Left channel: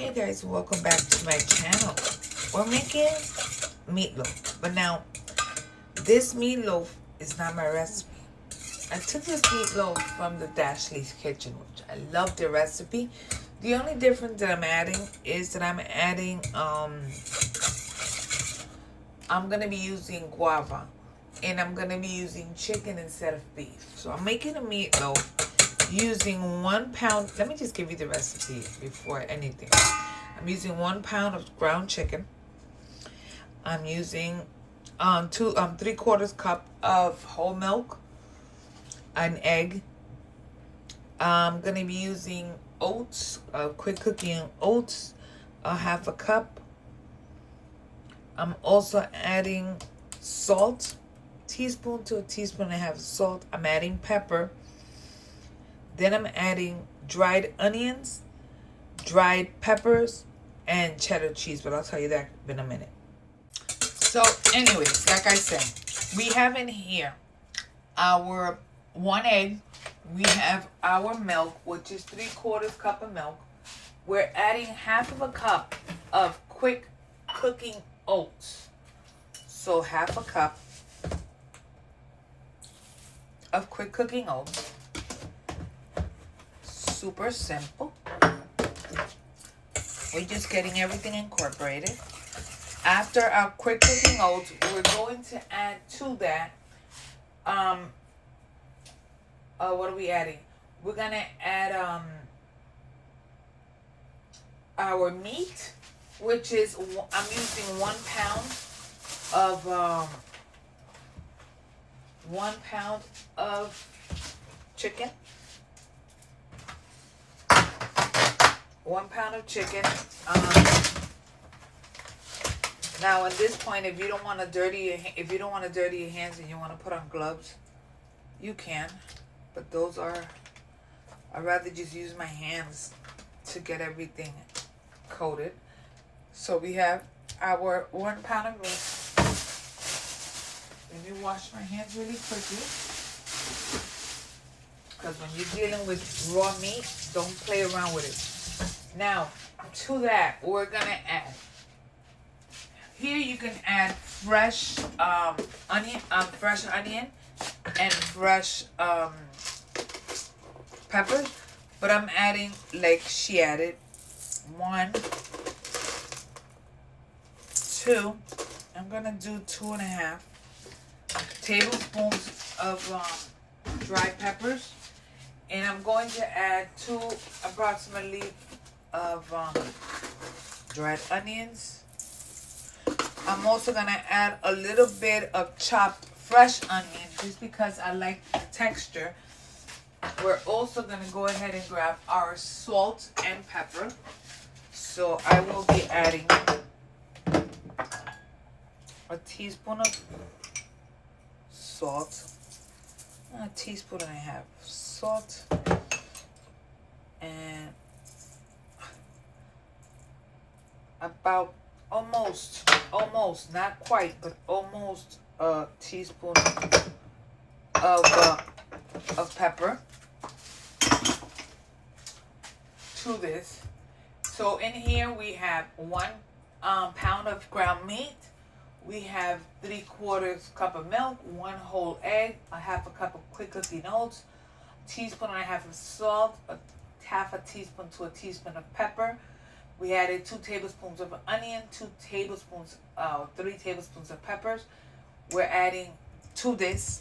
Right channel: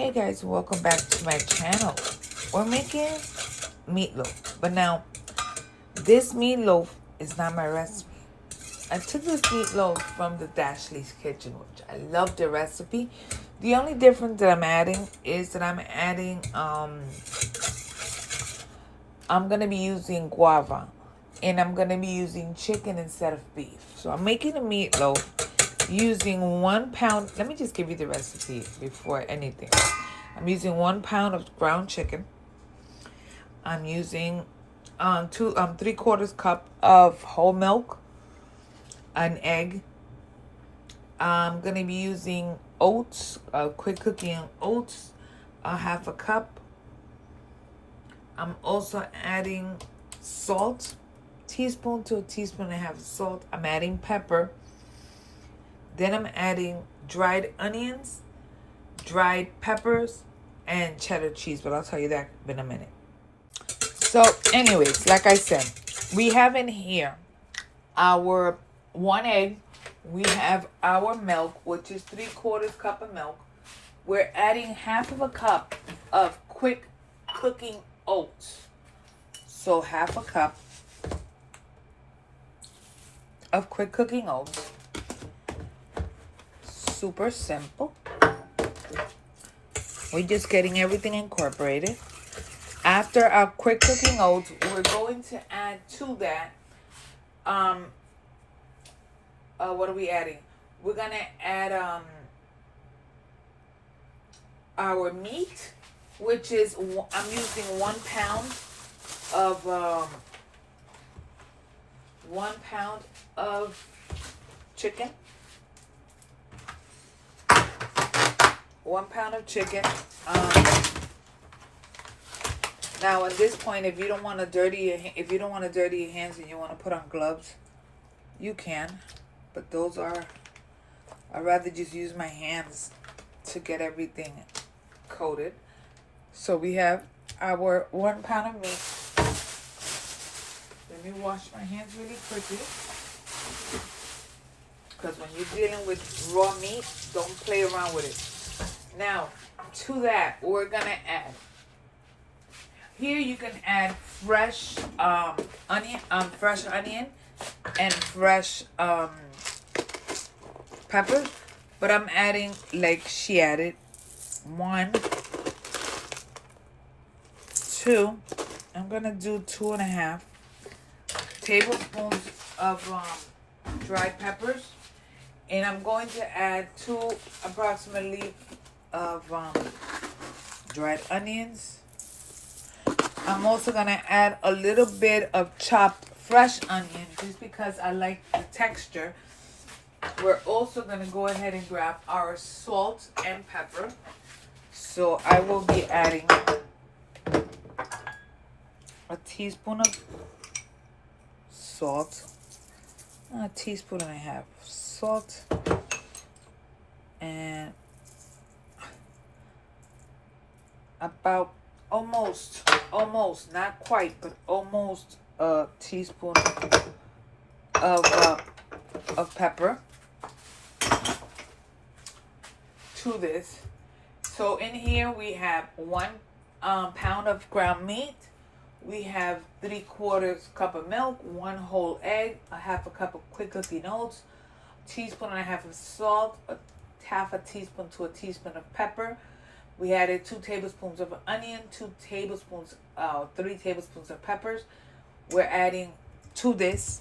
Hey guys, welcome back to my channel. We're making meatloaf, but now this meatloaf is not my recipe. I took this meatloaf from the Dashley's kitchen, which I love the recipe. The only difference that I'm adding is that I'm gonna be using guava, and I'm gonna be using chicken instead of beef. So I'm making a meatloaf using 1 pound. Let me just give you the recipe before anything. I'm using 1 pound of ground chicken. I'm using 3/4 cup of whole milk, an egg. I'm gonna be using oats, quick cooking oats, a 1/2 cup. I'm also adding salt, teaspoon to a teaspoon and a half of salt. I'm adding pepper. Then I'm adding dried onions, dried peppers, and cheddar cheese. But I'll tell you that in a minute. So anyways, like I said, we have in here our 1 egg. We have our milk, which is 3/4 cup of milk. We're adding 1/2 cup of quick cooking oats. So 1/2 cup of quick cooking oats. Super simple. We're just getting everything incorporated. After our quick cooking oats, we're going to add to that, what are we adding? We're gonna add our meat, which is, I'm using 1 pound of 1 pound of chicken. 1 pound of chicken. Now at this point, if you don't want to dirty your hands and you want to put on gloves, you can. But those are, I'd rather just use my hands to get everything coated. So we have our 1 pound of meat. Let me wash my hands really quickly, because when you're dealing with raw meat, don't play around with it. Now, to that, we're gonna add. Here you can add fresh onion and fresh pepper, but I'm adding, like she added, 1, 2. I'm gonna do 2.5 tablespoons of dried peppers, and I'm going to add 2 approximately of dried onions. I'm also gonna add a little bit of chopped fresh onion just because I like the texture. We're also gonna go ahead and grab our salt and pepper. So I will be adding a teaspoon of salt, a teaspoon and a half of salt, and about almost, not quite, but almost a teaspoon of pepper to this. So in here we have 1 pound of ground meat. We have 3/4 cup of milk, 1 whole egg, a 1/2 cup of quick cooking oats, teaspoon and a half of salt, a 1/2 teaspoon to a teaspoon of pepper. We added 2 tablespoons of onion, 3 tablespoons of peppers. We're adding to this,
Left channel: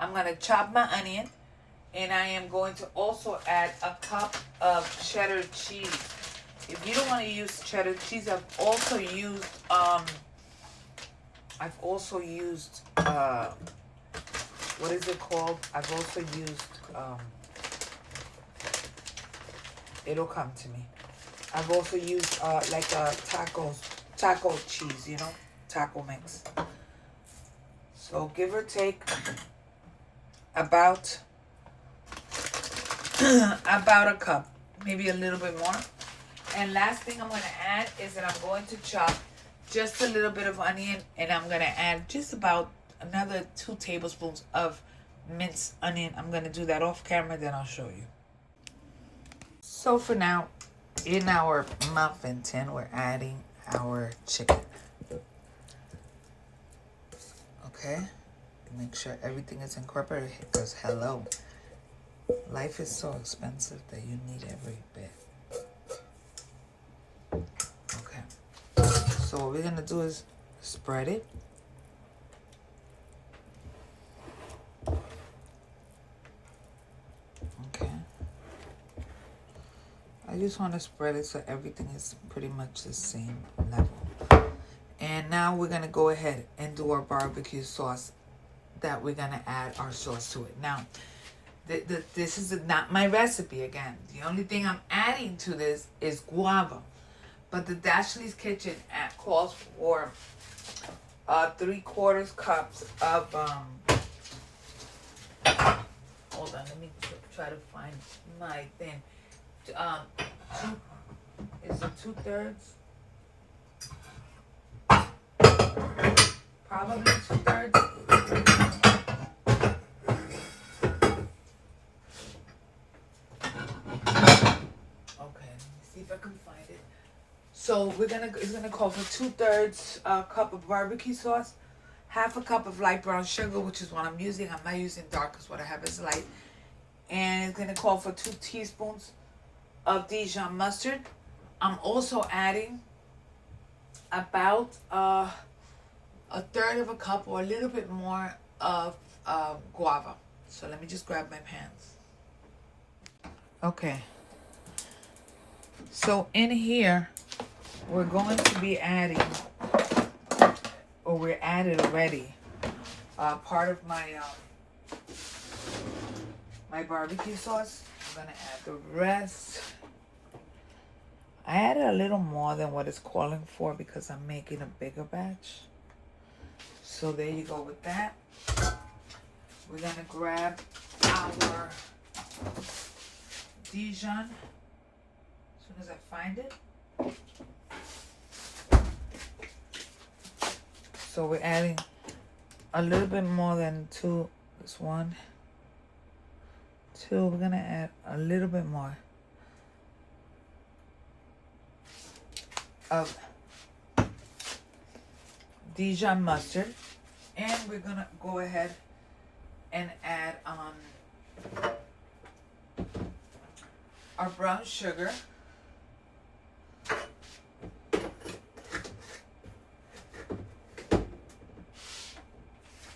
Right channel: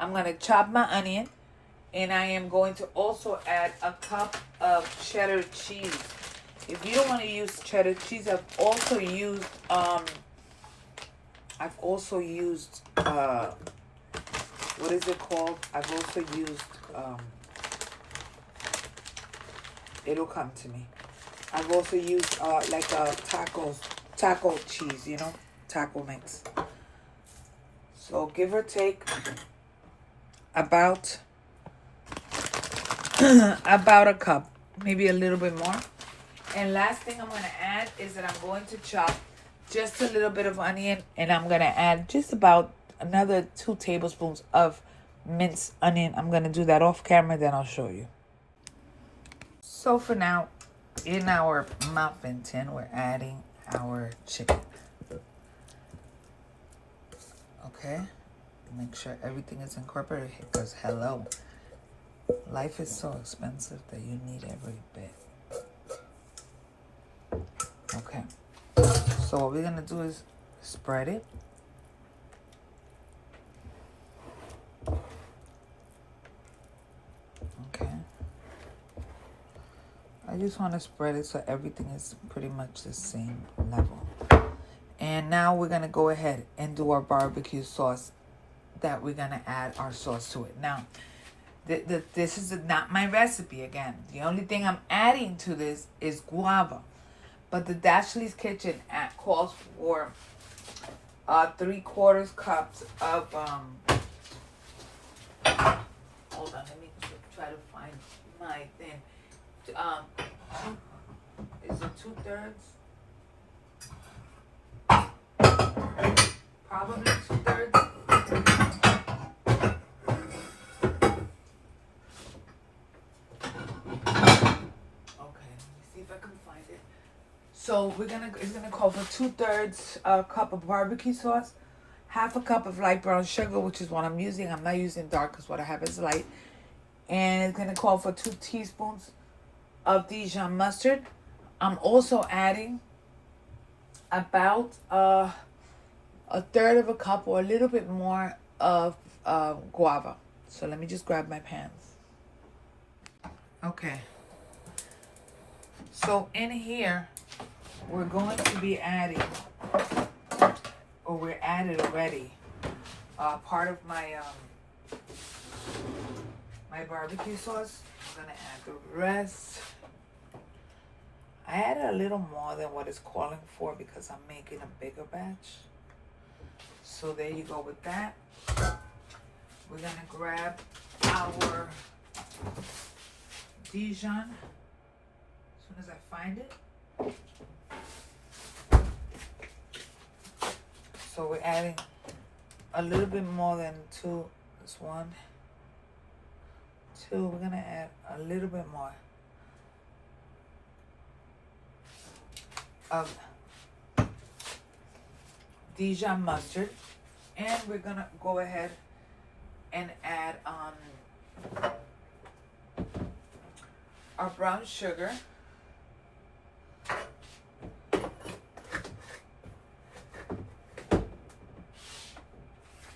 I'm gonna chop my onion, and I am going to also add a cup of cheddar cheese. If you don't want to use cheddar cheese, I've also used what is it called? I've also used it'll come to me. I've also used like a taco cheese, you know, taco mix. So give or take about about a cup, maybe a little bit more. And last thing I'm gonna add is that I'm going to chop just a little bit of onion, and I'm gonna add just about another 2 tablespoons of minced onion. I'm gonna do that off camera, then I'll show you. So for now, in our muffin tin, we're adding our chicken. Okay, make sure everything is incorporated because hello, life is so expensive that you need every bit. Okay, so what we're gonna do is spread it. Okay, I just want to spread it so everything is pretty much the same level. And now we're gonna go ahead and do our barbecue sauce that we're gonna add our sauce to it. Now, this is not my recipe again. The only thing I'm adding to this is guava. But the Dashley's Kitchen calls for 3/4 cups of hold on, let me try to find my thing. Is it 2/3? Probably 2/3. Okay, let me see if I can find it. So it's gonna call for 2/3 cup of barbecue sauce, 1/2 cup of light brown sugar, which is what I'm using. I'm not using dark because what I have is light. And it's gonna call for 2 teaspoons of Dijon mustard. I'm also adding about 1/3 of a cup or a little bit more of guava. So let me just grab my pans. Okay. So in here, we're going to be adding, or we're added already, part of my my barbecue sauce. I'm gonna add the rest. I added a little more than what it's calling for because I'm making a bigger batch. So there you go with that. We're gonna grab our Dijon as soon as I find it. So we're adding a little bit more than 2. This 1, 2. We're gonna add a little bit more of Dijon mustard, and we're gonna go ahead and add our brown sugar.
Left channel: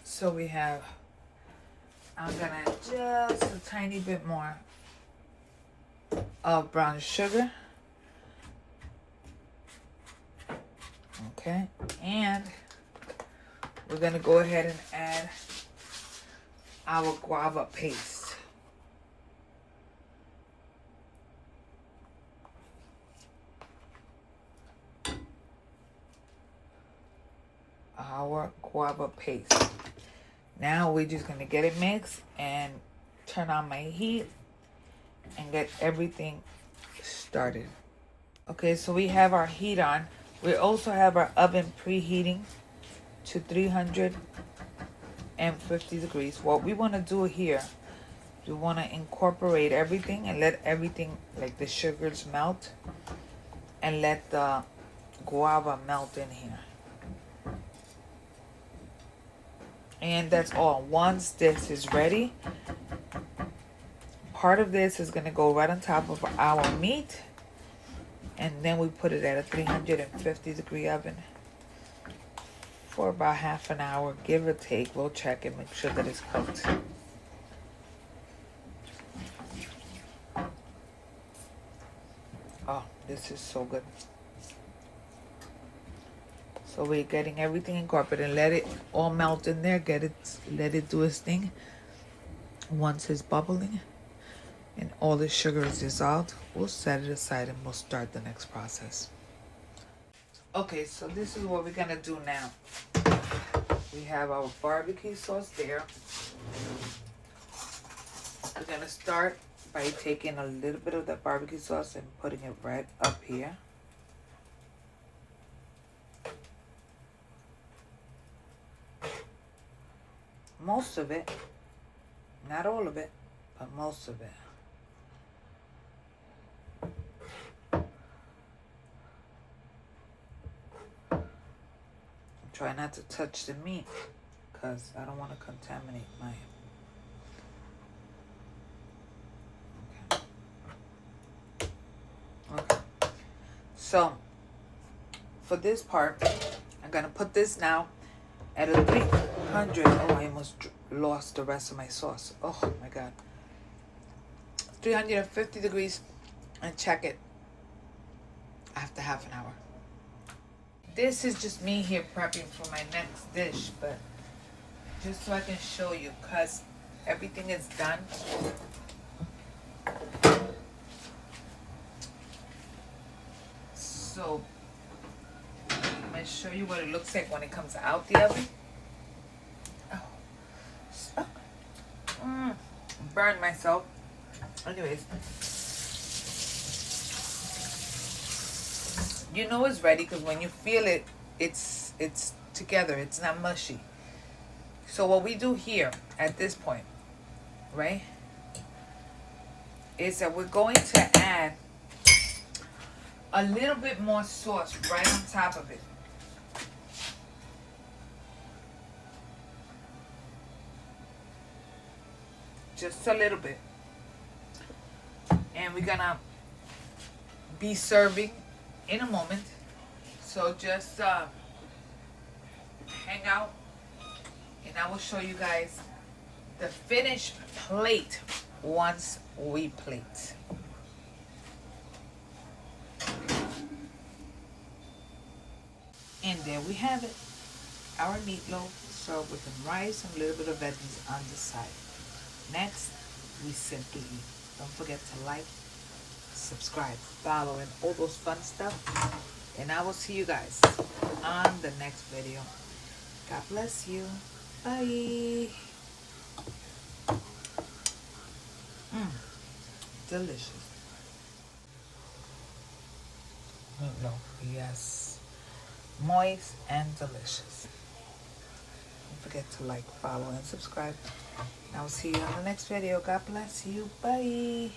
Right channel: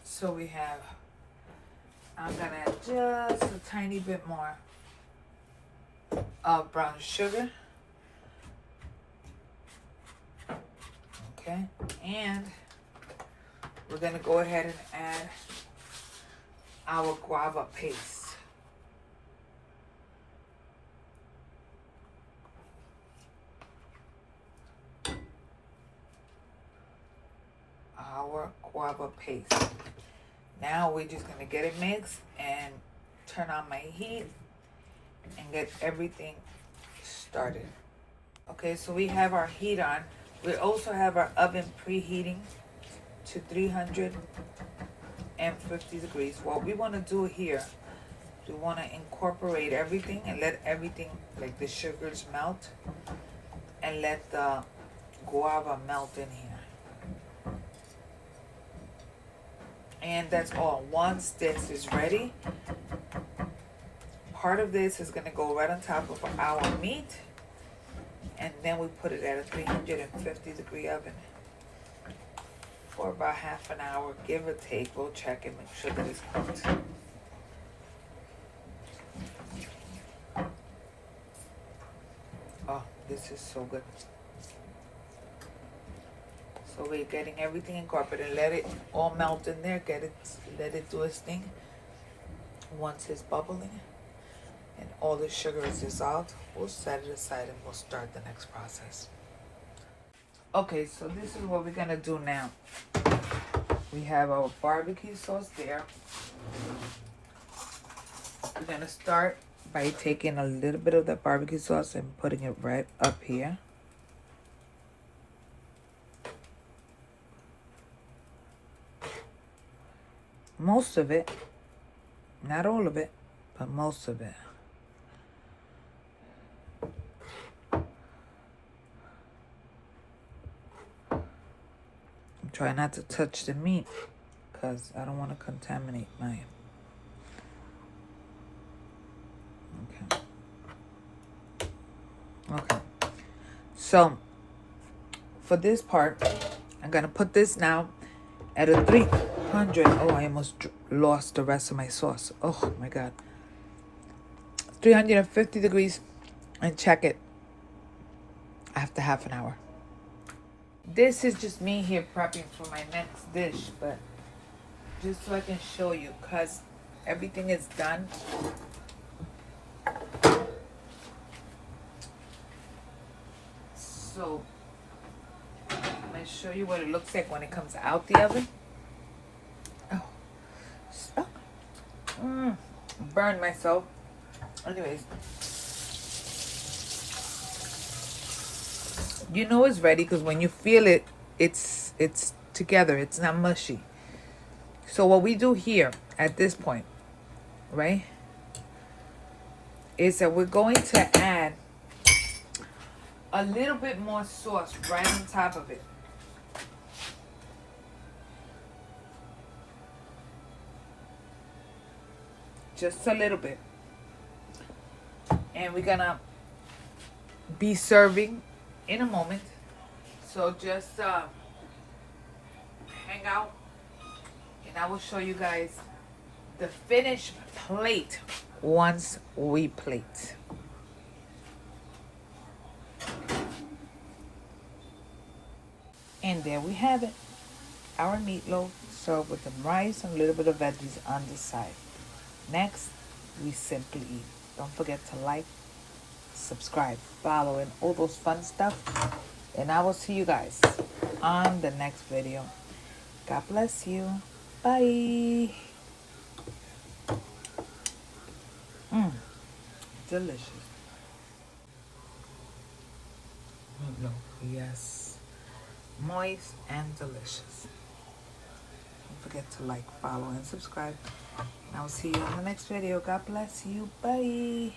So we have, I'm gonna add just a tiny bit more of brown sugar. Okay, and we're gonna go ahead and add our guava paste. Our guava paste. Now we're just gonna get it mixed and turn on my heat and get everything started. Okay, so we have our heat on. We also have our oven preheating to 350 degrees. What we want to do here, we want to incorporate everything and let everything, like the sugars, melt, and let the guava melt in here. And that's all. Once this is ready, part of this is going to go right on top of our meat, and then we put it at a 350 degree oven for about half an hour, give or take. We'll check and make sure that it's cooked. Oh, this is so good. So we're getting everything incorporated and let it all melt in there. Let it do its thing. Once it's bubbling and all the sugar is dissolved, we'll set it aside and we'll start the next process. Okay, so this is what we're gonna do now. We have our barbecue sauce there. We're gonna start by taking a little bit of the barbecue sauce and putting it right up here. Most of it, not all of it, but most of it. Try not to touch the meat because I don't want to contaminate mine. Okay. So for this part, I'm gonna put this now at a 300. Oh, I almost lost the rest of my sauce. Oh my god. 350 degrees, and check it after half an hour. This is just me here prepping for my next dish, but just so I can show you, because everything is done. So I'm going to show you what it looks like when it comes out the oven. Burned myself. Anyways, you know it's ready because when you feel it, it's together. It's not mushy. So what we do here at this point, right, is that we're going to add a little bit more sauce right on top of it. Just a little bit. And we're gonna be serving in a moment. So just hang out and I will show you guys the finished plate once we plate. And there we have it. Our meatloaf served with some rice and a little bit of veggies on the side. Next, we simply eat. Don't forget to like, subscribe, follow, and all those fun stuff. And I will see you guys on the next video. God bless you. Bye. Delicious. Meatloaf, yes. Moist and delicious. Don't forget to like, follow, and subscribe. And I will see you on the next video. God bless you. Bye.